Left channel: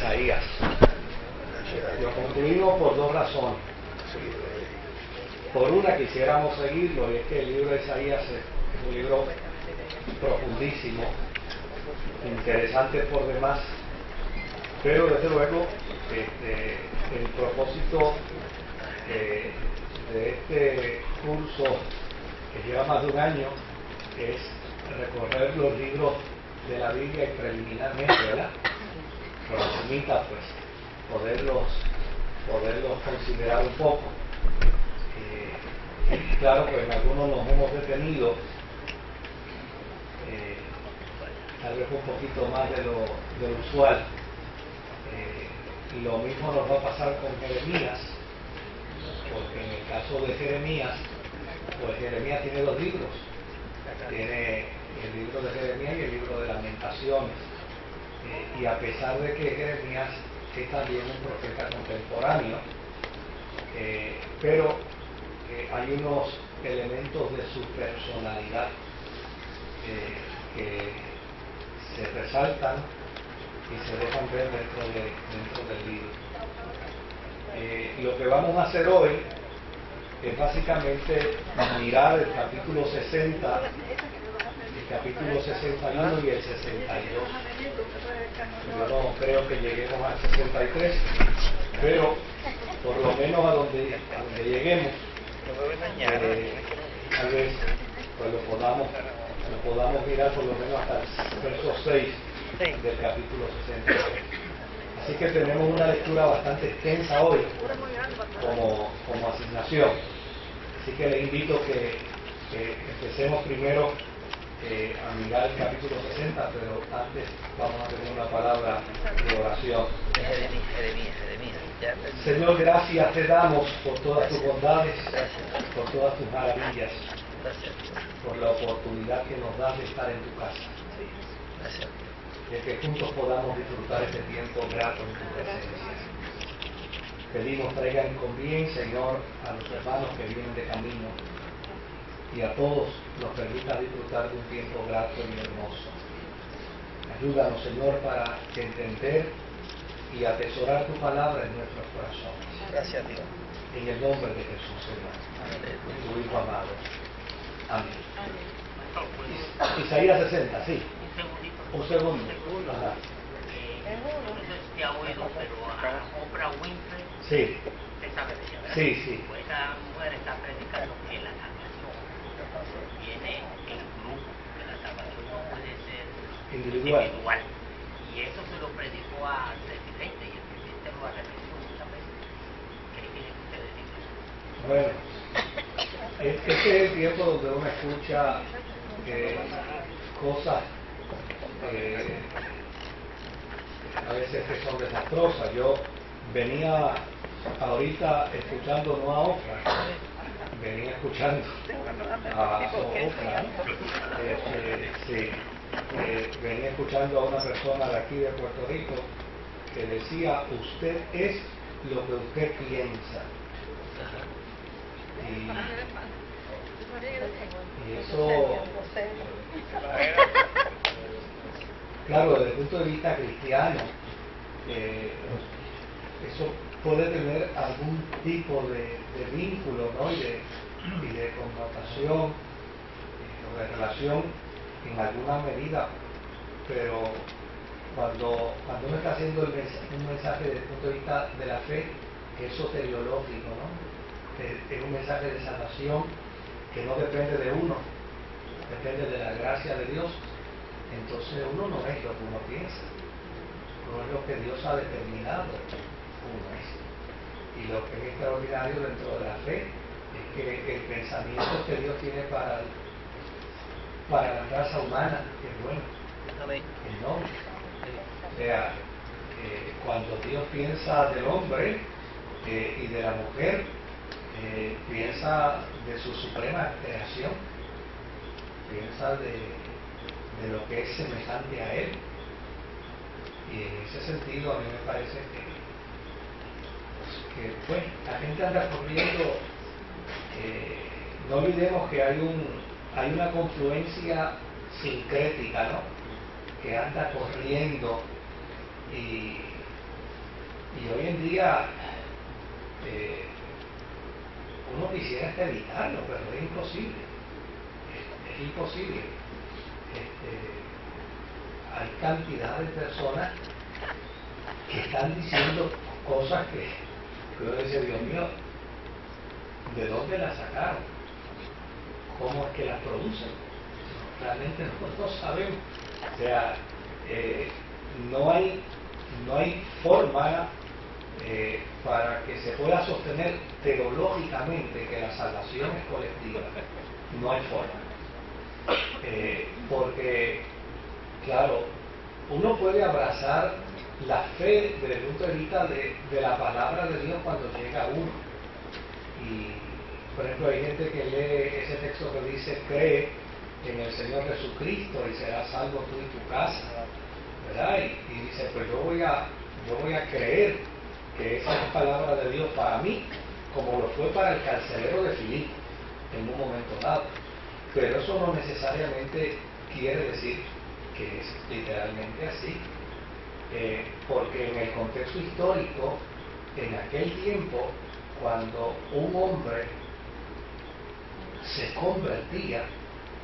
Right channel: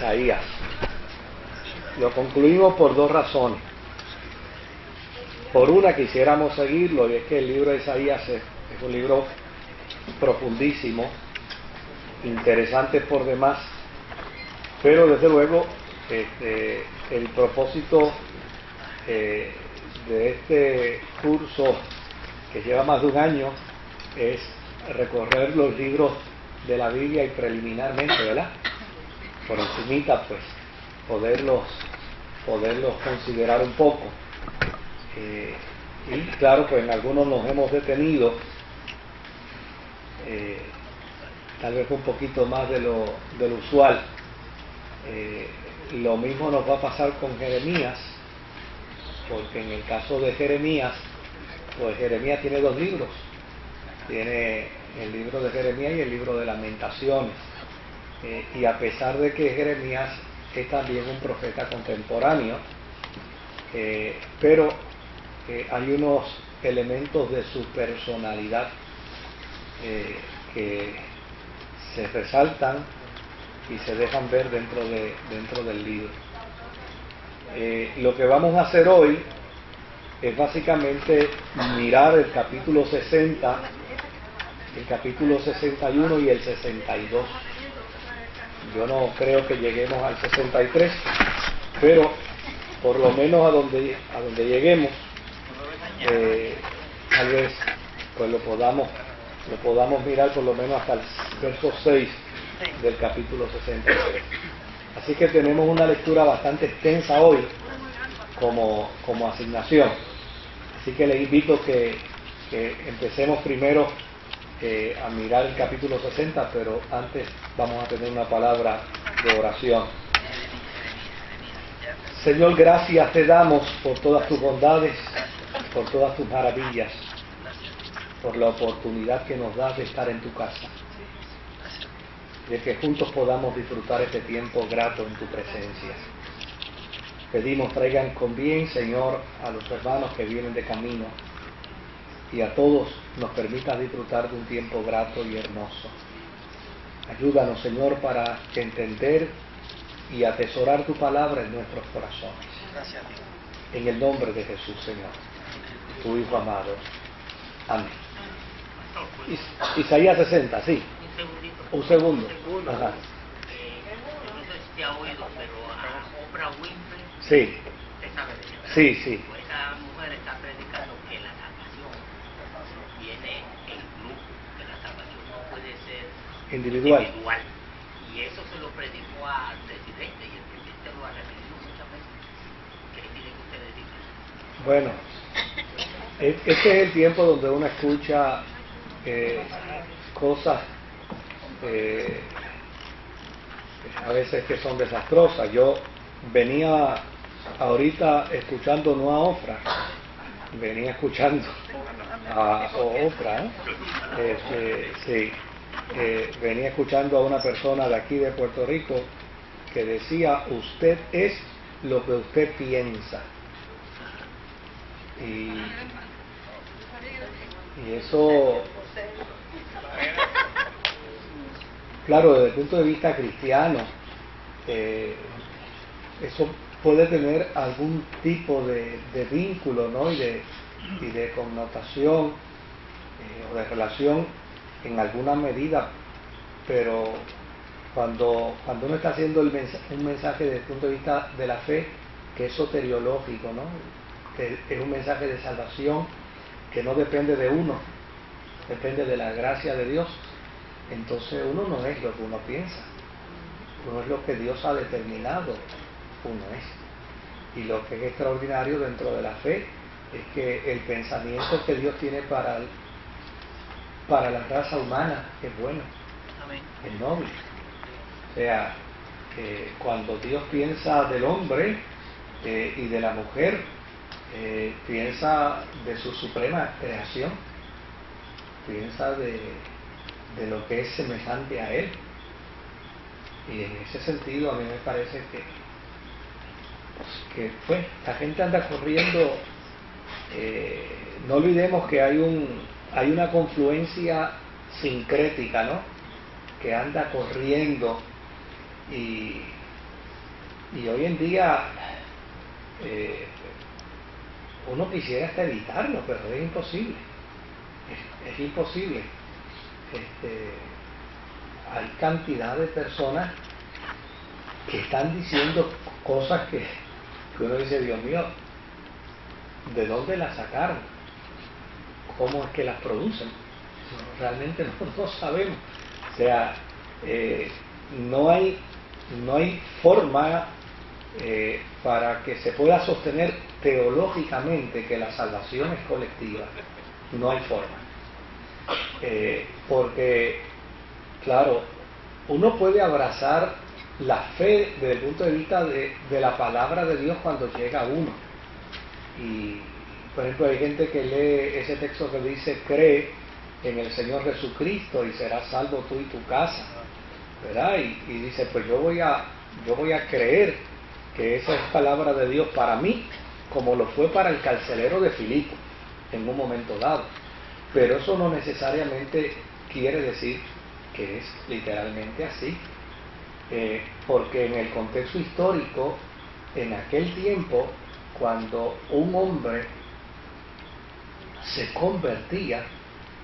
Isaías. Lo concluimos por dos razones. Por una, quisiéramos seguirlo, y es que el libro de Isaías es un libro profundísimo, interesante por demás, pero desde luego el propósito de este curso, que lleva más de un año, es recorrer los libros de la Biblia y preliminarmente, ¿verdad?, por encimita, pues poderlos considerar un poco. Y claro, pues en algunos nos hemos detenido, tal vez un poquito más de lo usual. Lo mismo nos va a pasar con Jeremías, porque en el caso de Jeremías, pues Jeremías tiene dos libros. Tiene el libro de Jeremías y el libro de Lamentaciones. Y a pesar de que Jeremías es también un profeta contemporáneo, pero hay unos elementos de su personalidad que se resaltan y se dejan ver dentro del libro. Lo que vamos a hacer hoy es básicamente mirar el capítulo 60, el capítulo 61 y el 62. Yo no creo que lleguemos al 63, pero por lo menos a donde lleguemos, tal vez pues lo podamos mirar por lo menos hasta el verso 6 del capítulo 63. Así que tenemos una lectura bastante extensa hoy como asignación. Así que les invito que empecemos primero a mirar el capítulo 60, pero antes vamos a tener una palabra de oración. Señor, gracias te damos por todas tus bondades, por todas tus maravillas, por la oportunidad que nos das de estar en tu casa, de que juntos podamos disfrutar este tiempo grato en tu presencia. Pedimos traigan con bien, Señor, a los hermanos que vienen de camino, y a todos nos permita disfrutar de un tiempo grato y hermoso. Ayúdanos, Señor, para entender y atesorar tu palabra en nuestros corazones. Gracias, Dios. En el nombre de Jesús, Señor, tu Hijo amado. Amén. Isaías 60, sí. Un segundo. Ajá. No sé si te ha oído, pero a Oprah Winfrey, Sí. usted sabe de ella, ¿verdad? Sí, sí. Pues esa mujer está predicando que la salvación viene en grupo, que la salvación no puede ser Individual. Y eso se lo predicó al presidente, y el presidente lo ha repetido muchas veces. ¿Qué tienen que ustedes decir? Bueno, este es el tiempo donde uno escucha cosas a veces que son desastrosas. Yo venía ahorita escuchando no a Oprah, venía escuchando a Oprah, sí, venía escuchando a una persona de aquí de Puerto Rico que decía: usted es lo que usted piensa. Y eso, claro, desde el punto de vista cristiano, eso puede tener algún tipo de vínculo, ¿no?, y de connotación o de relación en alguna medida, pero cuando uno está haciendo un mensaje desde el punto de vista de la fe, que es soteriológico, ¿no?, que es un mensaje de salvación que no depende de uno, depende de la gracia de Dios, entonces uno no es lo que uno piensa, uno es lo que Dios ha determinado uno es. Y lo que es extraordinario dentro de la fe es que el pensamiento que Dios tiene para la raza humana es bueno, es noble. O sea, cuando Dios piensa del hombre y de la mujer, piensa de su suprema creación, piensa de lo que es semejante a Él. Y en ese sentido a mí me parece que pues, la gente anda corriendo. No olvidemos que hay una confluencia sincrética, ¿no?, que anda corriendo y Y hoy en día uno quisiera hasta evitarlo, pero es imposible. Es imposible. Hay cantidad de personas que están diciendo cosas que uno dice, Dios mío, ¿de dónde las sacaron? ¿Cómo es que las producen? Realmente no sabemos. O sea, no hay forma para que se pueda sostener teológicamente que la salvación es colectiva. No hay forma. Porque, claro, uno puede abrazar la fe desde el punto de vista de la palabra de Dios cuando llega a uno. Y, por ejemplo, hay gente que lee ese texto que dice, cree en el Señor Jesucristo y serás salvo tú y tu casa, ¿verdad? Y dice, pues yo voy a creer que esa es palabra de Dios para mí, como lo fue para el carcelero de Filipo en un momento dado. Pero eso no necesariamente quiere decir que es literalmente así, porque en el contexto histórico, en aquel tiempo, cuando un hombre se convertía,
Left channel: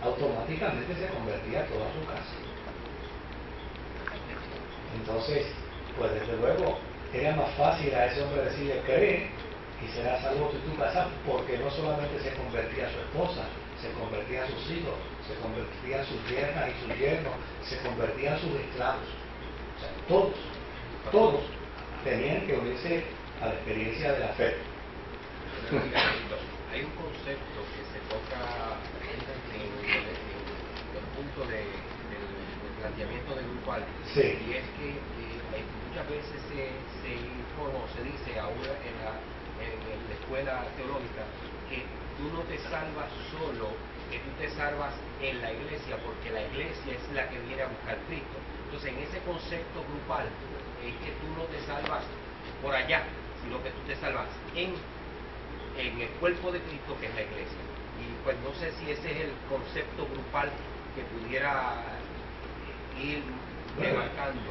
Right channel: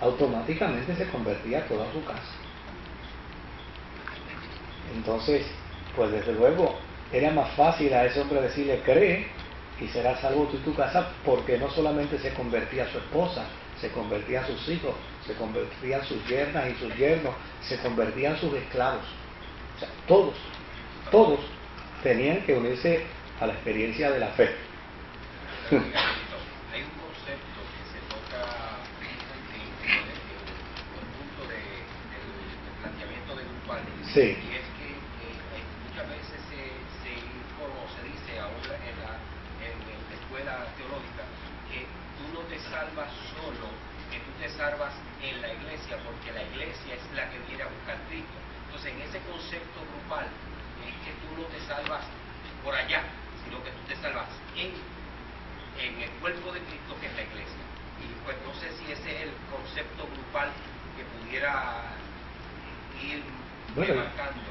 automáticamente se convertía toda su casa. Entonces, pues desde luego, era más fácil a ese hombre decirle, cree y serás salvo tú y tu casa, porque no solamente se convertía su esposa, se convertían sus hijos, se convertían sus yernas y sus yernos, se convertían sus esclavos. O sea, todos tenían que unirse a la experiencia de la fe. Hay un concepto que se toca en el punto del planteamiento de grupal, Sí. y es que muchas veces se informa o se dice ahora en la escuela teológica que tú no te salvas solo, que tú te salvas en la iglesia, porque la iglesia es la que viene a buscar Cristo. Entonces, en ese concepto grupal es que tú no te salvas por allá, sino que tú te salvas en el cuerpo de Cristo, que es la iglesia. Y pues no sé si ese es el concepto grupal que pudiera ir marcando.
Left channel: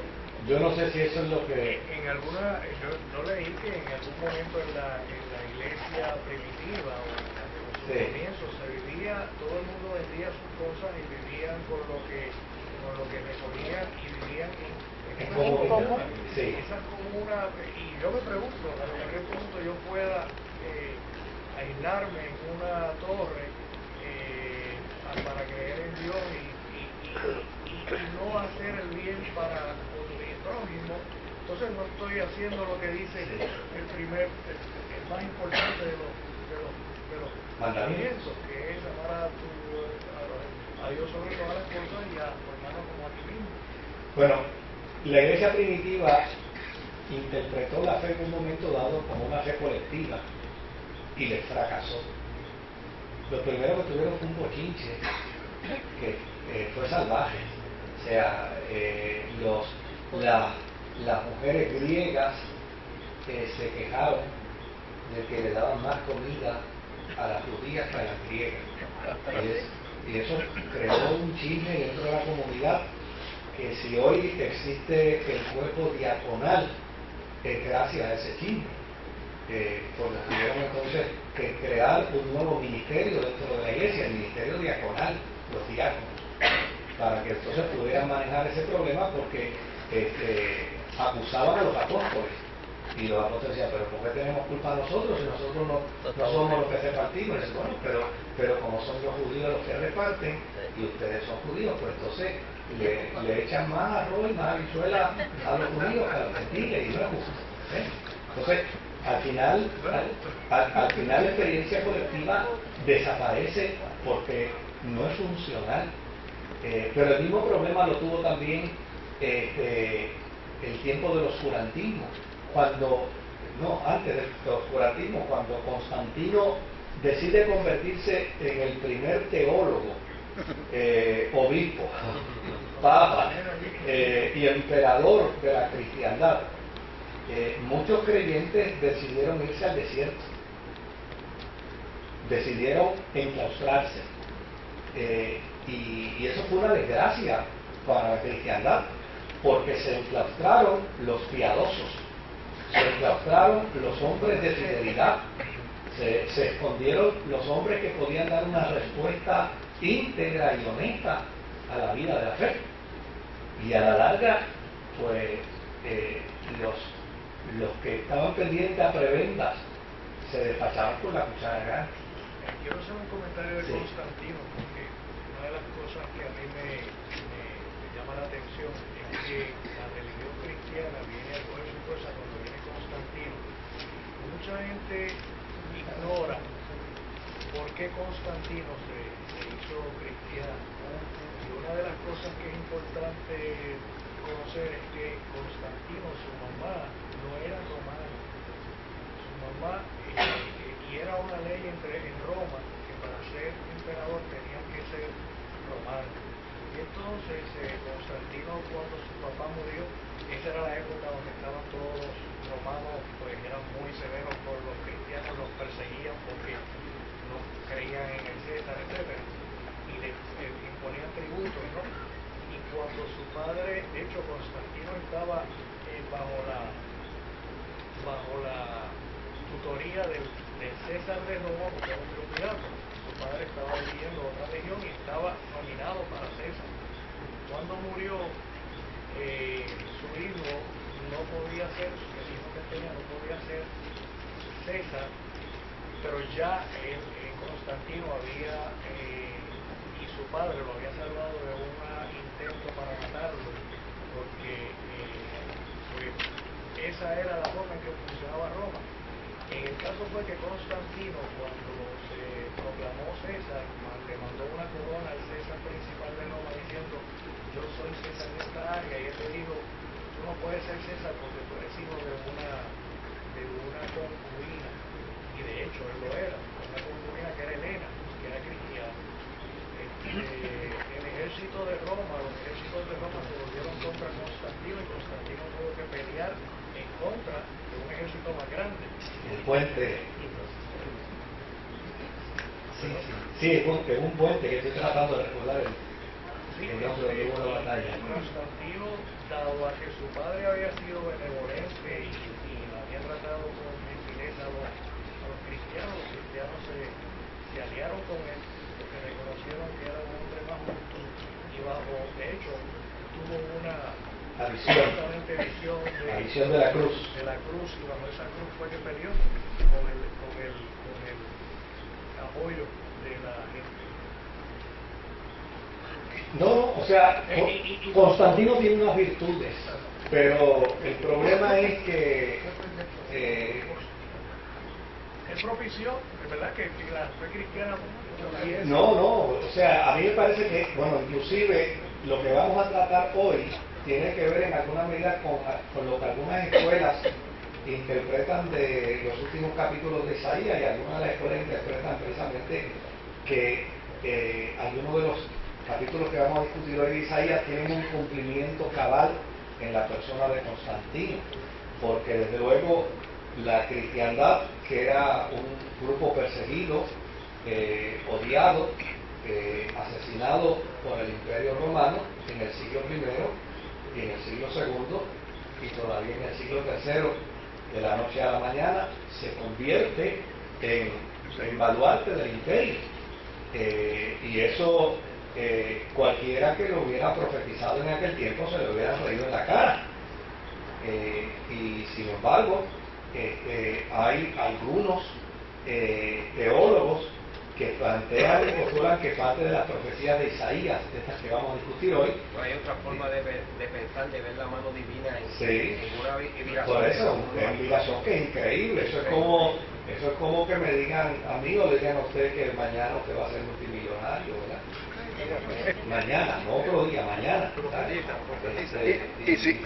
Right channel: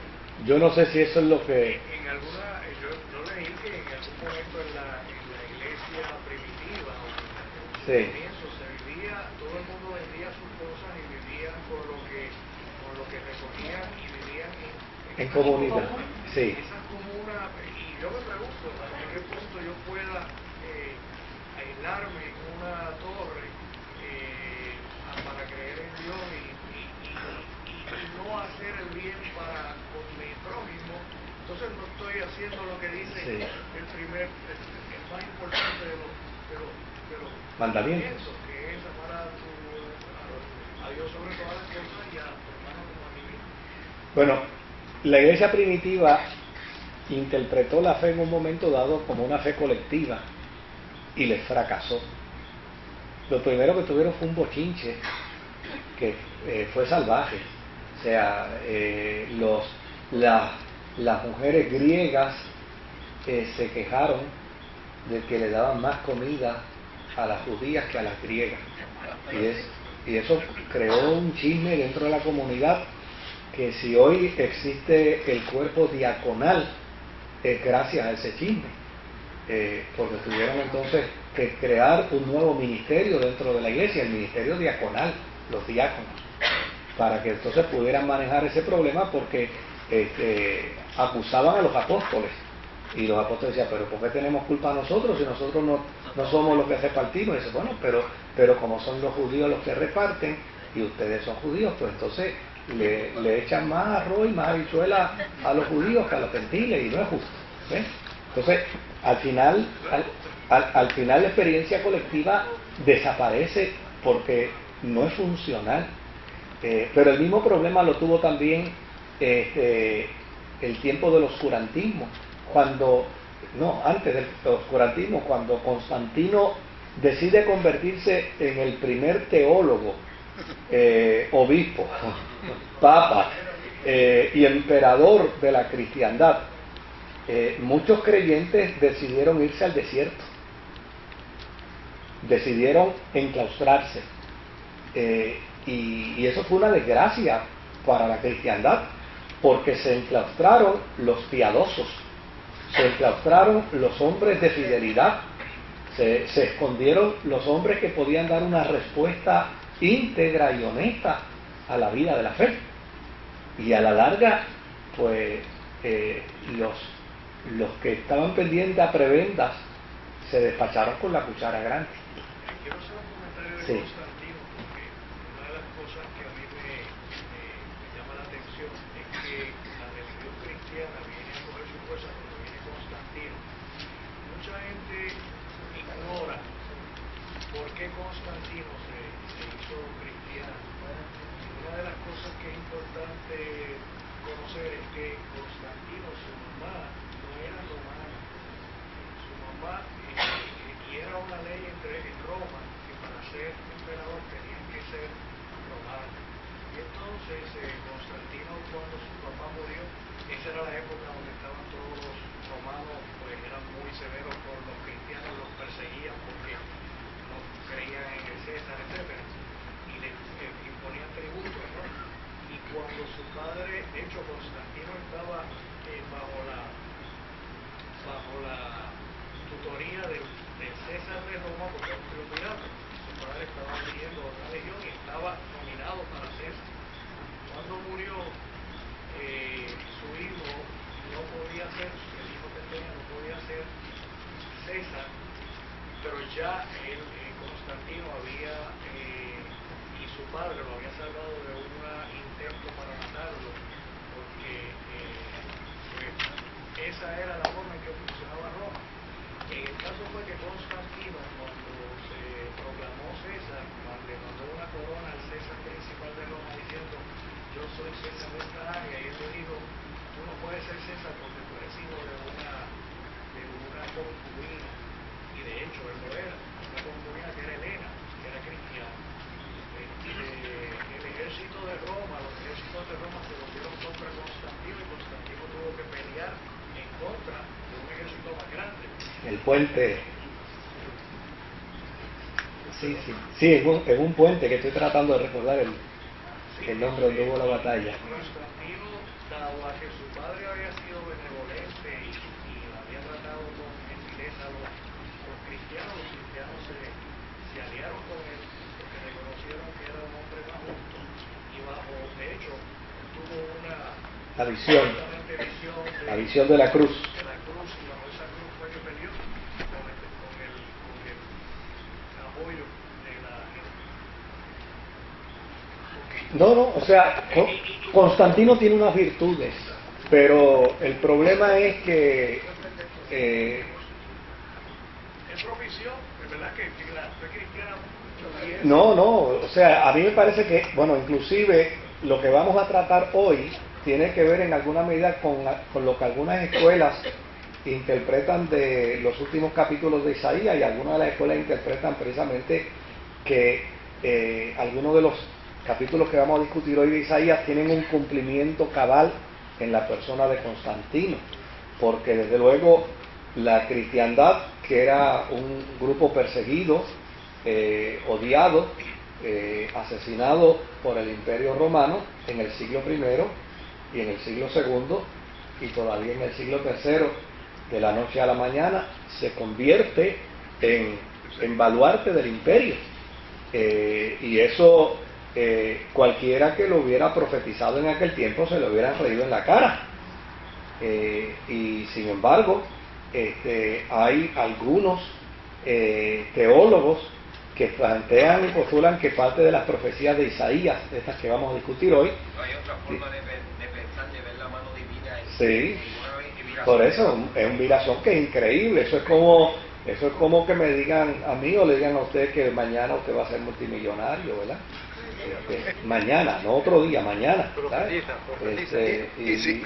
Yo no sé si eso es lo que... Yo leí que en algún momento en la iglesia primitiva o en sus comienzos se vivía, todo el mundo vendía sus cosas y vivían con lo que recogían y vivían en comunidad. Sí. Esas comunas, y yo me pregunto hasta qué punto yo pueda aislarme en una torre para creer en Dios y no hacer el bien para con mi prójimo. Entonces no estoy haciendo lo que dice el más importante de los mandamientos, que es amar a Dios sobre todas las cosas y a tu hermano como a ti mismo. Bueno, la iglesia primitiva interpretó la fe en un momento dado como una fe colectiva y les fracasó. Lo primero que tuvieron fue un bochinche que fue salvaje. O sea, las mujeres griegas se quejaron de que le daban más comida a las judías que a las griegas. Y eso creó un chisme dentro de la comunidad, que si hoy existe el cuerpo diaconal es gracias a ese chisme, porque tuvieron entonces que crear un nuevo ministerio dentro de la iglesia, el ministerio diaconal, los diáconos, para que entonces pudieran manejar ese problema, porque acusaban a los apóstoles, y los apóstoles decían, pero ¿por qué tenemos culpa nosotros si nosotros no somos los que repartimos? Y dice, bueno, pero como son los judíos los que reparten y ustedes son judíos, pues entonces le echan más arroz y más habichuela a los judíos que a los gentiles, y no es justo. Entonces, al final la experiencia colectiva desaparece porque no es funcional. Pero el mismo problema lo tuvo también el tiempo del oscurantismo, antes del oscurantismo, cuando Constantino decide convertirse en el primer teólogo, obispo, papa y emperador de la cristiandad. Muchos creyentes decidieron irse al desierto, decidieron enclaustrarse, y eso fue una desgracia para la cristiandad, porque se enclaustraron los piadosos, se enclaustraron los hombres de fidelidad, se escondieron los hombres que podían dar una respuesta íntegra y honesta a la vida de la fe. Y a la larga, pues, los que estaban pendientes a prebendas se despacharon con la cuchara grande. Quiero hacer un comentario de Sí. Constantino, porque una de las cosas que a mí me llama la atención es que la religión cristiana viene a coger su fuerza cuando viene Constantino. Mucha gente ignora por qué Constantino se hizo cristiano. Y una de las cosas que es importante conocer es que Constantino, su mamá, no era romana. Su mamá, y era una ley en Roma, que para ser emperador tenían que ser romanos. Y entonces Constantino, cuando su papá murió, esa era la época donde estaban todos los romanos, pues eran muy severos por los cristianos, los perseguían porque no creían en el César, etcétera, y le imponían tributos, ¿no? Y cuando su padre, de hecho Constantino estaba bajo la tutoría del César de Roma, porque era un triunvirato. Su padre estaba dirigiendo otra región y estaba nominado para César. Cuando murió, su hijo no podía ser, el hijo que tenía no podía ser César, pero ya Constantino había, y su padre lo había salvado de un intento para matarlo, porque pues, esa era la forma en que funcionaba Roma. En el caso fue que Constantino, cuando se proclamó César, le mandó una corona al César principal de Roma diciendo: yo soy César de esta área, y él le dijo: tú no puedes ser César porque tú eres hijo de una concubina. Y de hecho él lo era, una concubina que era Helena, que era cristiana. El ejército de Roma, los ejércitos de Roma se volvieron contra Constantino, y Constantino tuvo que pelear en contra de un ejército más grande. El puente. Sí, es un puente que estoy tratando de recordar el nombre donde hubo la batalla. Constantino, dado a que su padre había sido benevolente y había tratado con gentileza a los cristianos se aliaron con él porque reconocieron que era un hombre más justo, y de hecho, tuvo La visión. La visión de la cruz. De la cruz, y cuando esa cruz fue que peleó con el apoyo de la gente. No, o sea, Constantino tiene unas virtudes, pero el problema es que Él propició, es verdad que la fe cristiana no, o sea, a mí me parece que, bueno, inclusive lo que vamos a tratar hoy tiene que ver en alguna medida con lo que algunas escuelas interpretan de los últimos capítulos de Isaías, y algunas de las escuelas interpretan precisamente que algunos de los capítulos que vamos a discutir hoy de Isaías tienen un cumplimiento cabal en la persona de Constantino, porque desde luego la cristiandad, que era un grupo perseguido, odiado, asesinado por el Imperio Romano en el siglo I y en el siglo II y todavía en el siglo III, de la noche a la mañana se convierte en baluarte del imperio, y eso cualquiera que lo hubiera profetizado en aquel tiempo se le hubiera reído en la cara, y sin embargo hay algunos teólogos que plantean y postulan que parte de las profecías de Isaías, de estas que vamos a discutir hoy, No hay otra forma de pensar, de ver la mano divina en sí, ninguna viración. por eso es un virazón que es increíble. Eso es como que me digan a mí o le digan a usted que mañana usted va a ser multimillonario, ¿verdad? Mañana, no otro día, mañana. Y sin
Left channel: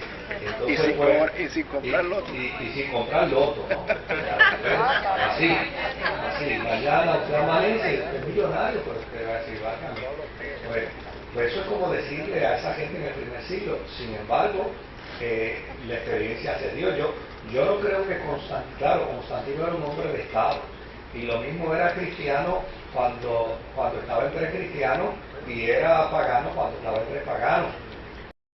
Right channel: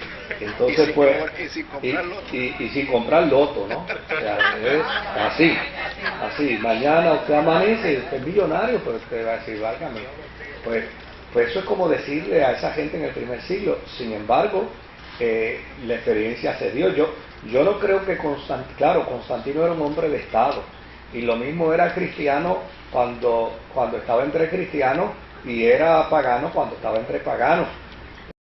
comprar loto. Y sin comprar loto, ¿no? O sea, así, mañana usted amanece y usted es millonario, pero usted va a decir, válgame. Pues eso es como decirle a esa gente en el primer siglo. Sin embargo, la experiencia se dio. Yo no creo que Constantino era un hombre de Estado, y lo mismo era cristiano cuando estaba entre cristianos, y era pagano cuando estaba entre paganos.